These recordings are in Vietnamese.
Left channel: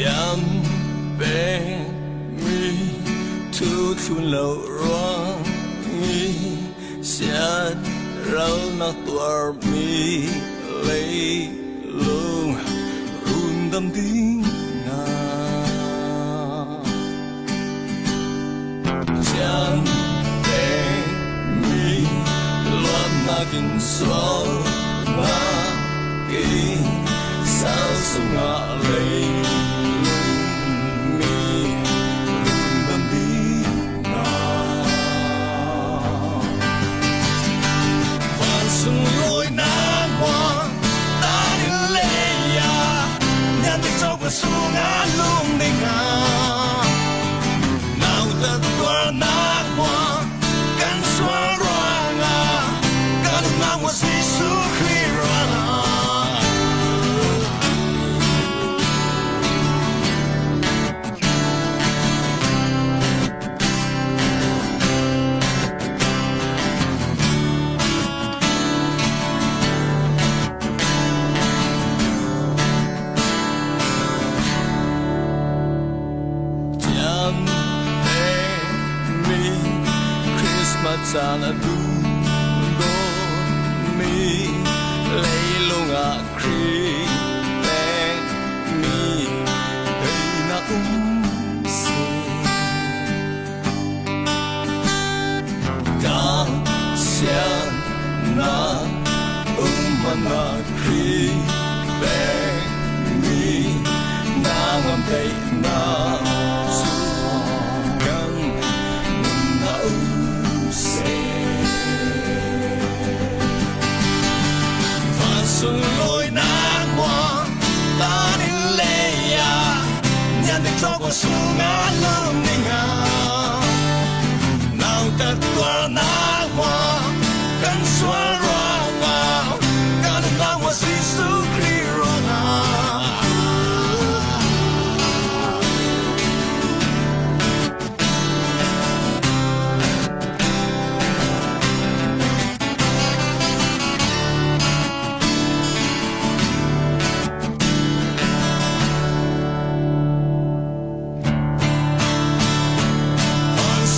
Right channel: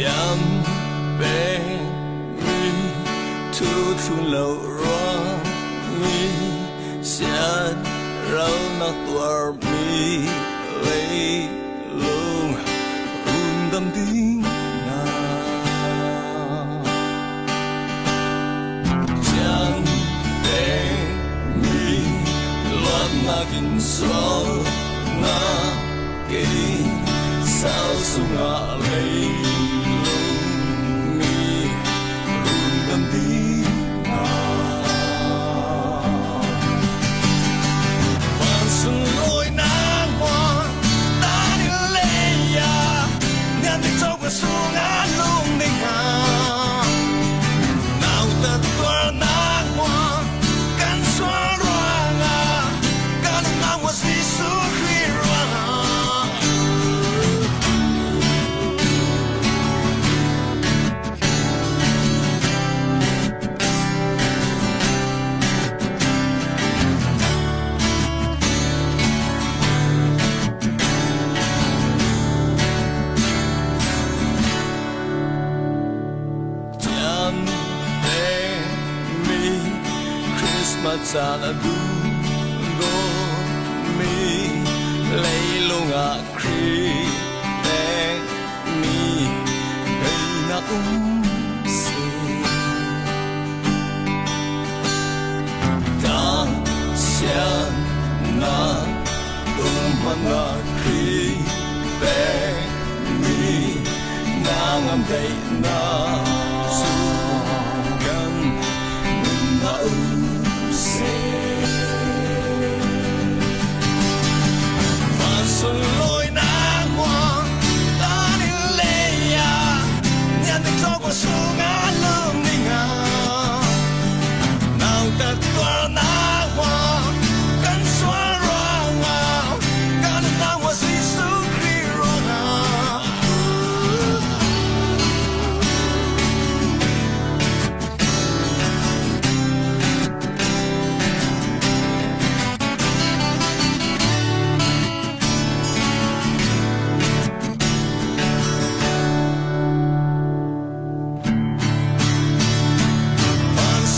Champagne me to low run me Shad rau na tuar me lay lung run dam ding na Champagne me loan na kin sol na kin sao sung a lay Xuân lối nắng hoa ta đi lê ya nhàn tích trong cuộc sống ngã lung đình à nào ta qua nắng hoa căn xóa roang à cả lúc nào hoa si su khi roang à Christmas ala du go me lay long a kri ben me hey na se da xian na mana kri ben me na ngam dei na su kan na Phan xuân lối nắng hoa ta đi lê ya nhàn tích cho cuộc sống ngã lưng đình à nào ta qua nắng hoa căn xóa roang à cả lần nào hoa si su khi roang à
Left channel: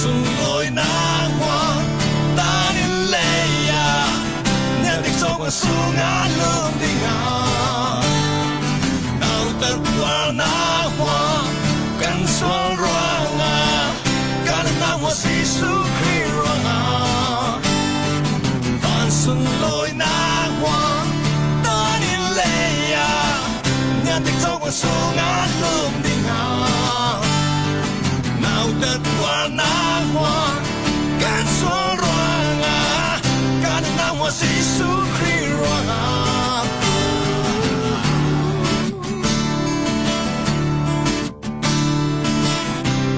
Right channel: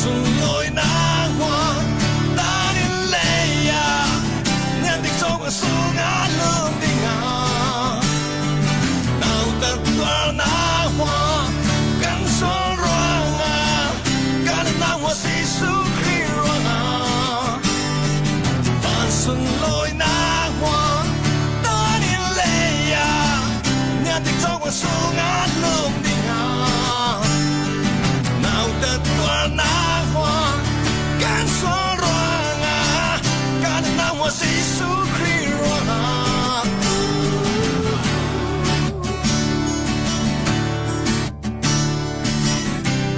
Xuân lối nắng hoa ta đi lê ya nhàn tích trong cuộc sống ngã lưng đình à nào ta qua nắng hoa căn xóa roang à cả lần nào hoa si su khi roang à Phan xuân lối nắng hoa ta đi lê ya nhàn tích trong cuộc sống ngã lưng đình à nào ta qua nắng hoa căn xóa roang à cả lần nào hoa si su khi roang à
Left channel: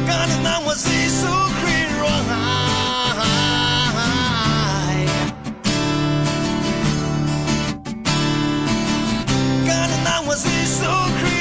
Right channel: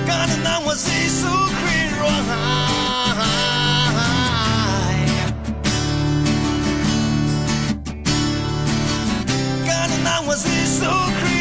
cả lần nào hoa si su khi roang à cả lần nào hoa si su khi